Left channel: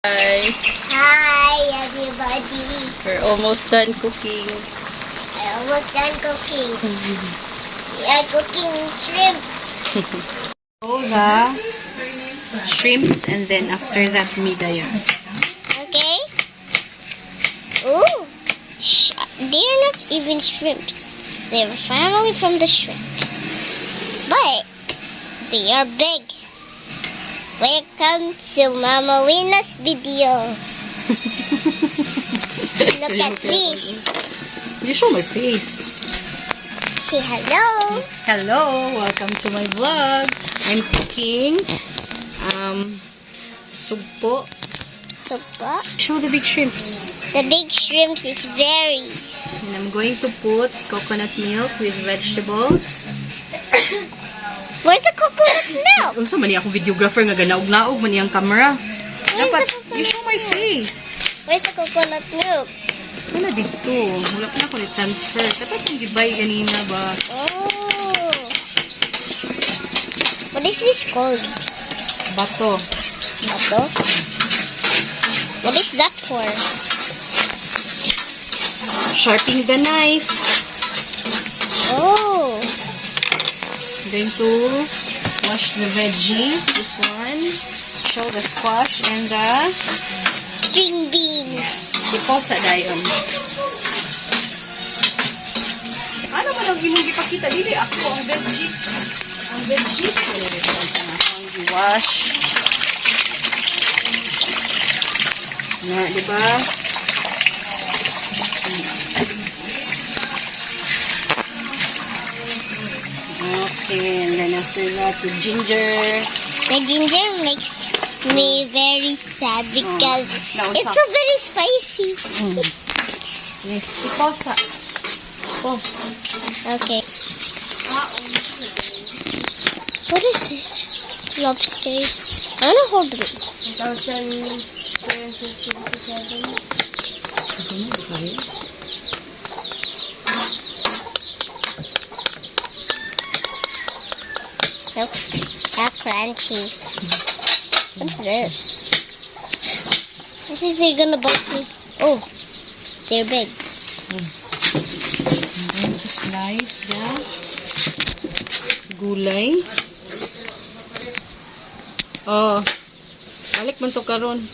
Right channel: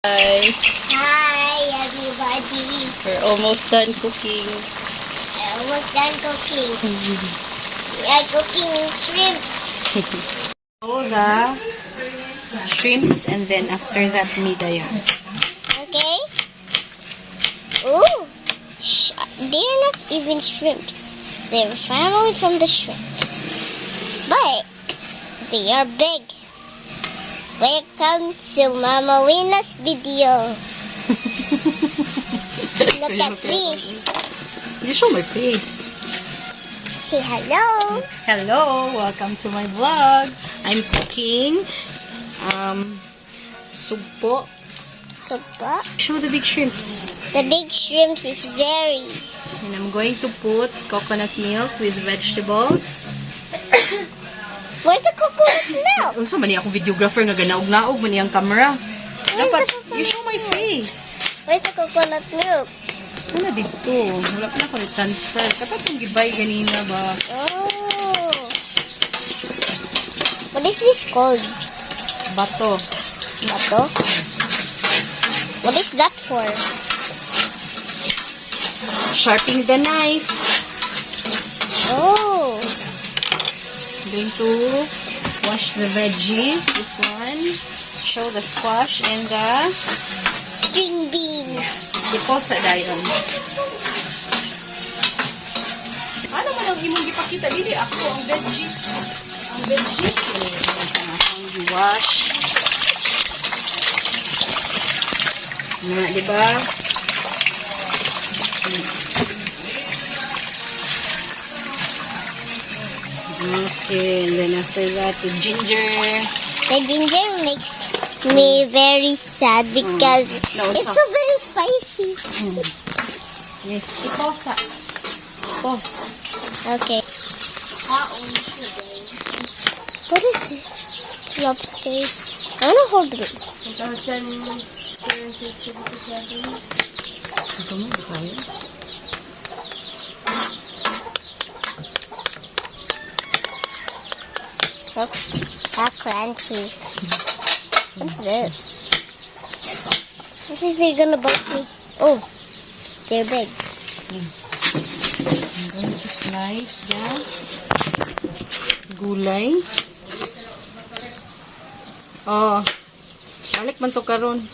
Hi. Hi, everybody. We're almost done cooking. We're almost done cooking. We are cooking shrimp. So the shrimps and then after that migaya. Okay? Ooh. They're not even shrimps. They're family from the shrimps. But they are big. Welcome to Mama Wina's video. Look at this. You show my face. Say hello. Hello, welcome to my vlog. I'm cooking sugpo. Sugpo. Show the big shrimps. The big shrimps is very. And I'm going to put coconut milk with vegetables. Where's the coconut milk? Unsa man ni akong videographer nga ganaog-naog man iyang camera. Where's Dapat the coconut you show my milk? face. Where's the coconut milk? Wala dito. Wala pa na transfer. Dapat yung gibay ganina ba? Oh. What is this called? Bato. Bato? What is that for? Sharpening the knife. Oh. I'm going to wash the veggies. This one. Show the squash and the String beans. deposa dayon. Ano man ang imong gipakita? Dili ako ang veggie. Ang veggie. Ang wash. Nga, diba? Okay, and then after that, the ginger. The ginger makes me very sad because No, it's so very spicy. Yes, deposa. Pos. Okay. What is it? Lobsters. I want to hold it. 1,757. Ito mo, di kaya? Nope. How crunchy. What's this? I think they're gonna bite me. Oh, they're big. I'm going to slice the gulay. Oh, balik man to karon.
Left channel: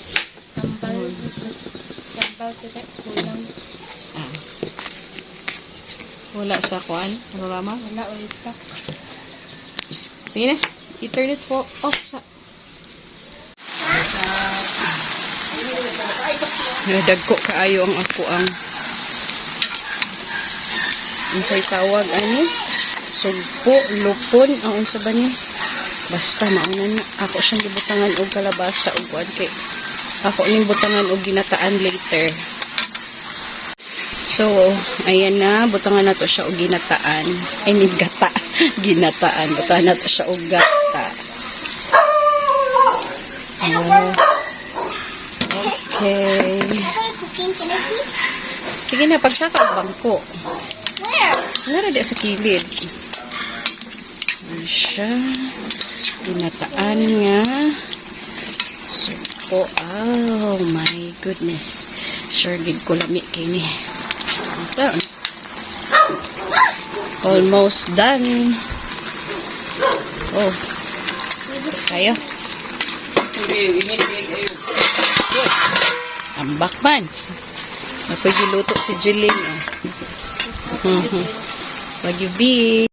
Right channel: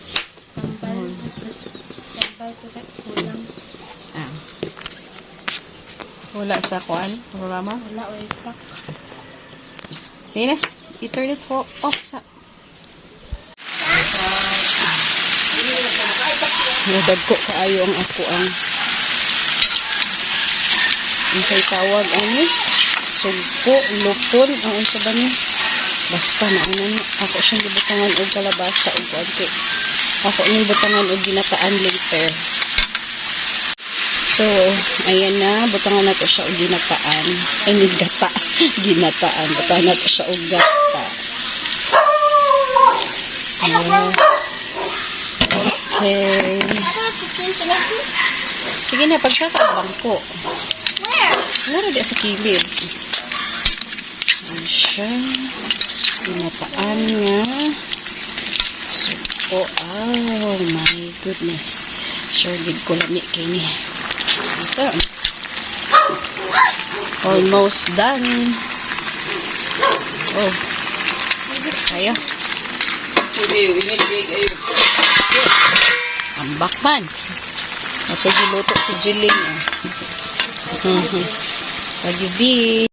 Wala sa kuan, programa. Wala, wala stuck. Sige na, i-turn it po. Oh, sa. Nadagko kaayo ang ako ang unsay tawag ani? Sugpo, lupon, ang unsa ba ni? Basta mauna ako siyang gibutangan og kalabasa og kuan kay ako ning butangan og ginataan later. So, ayan na, butangan na to siya og ginataan. I mean, gata. Ginataan. Butangan na to siya og gata. Oh. Okay. Sige na, pagsaka ang bangko. Where? Wala di sa kilid. Ayan siya. Ginataan nga. Supo. Oh my goodness. Sure, gid ko lami kay ni. Ito. Almost done. Oh. Kaya. Ang bakman. Napagiluto si Julie. Pag-ibig.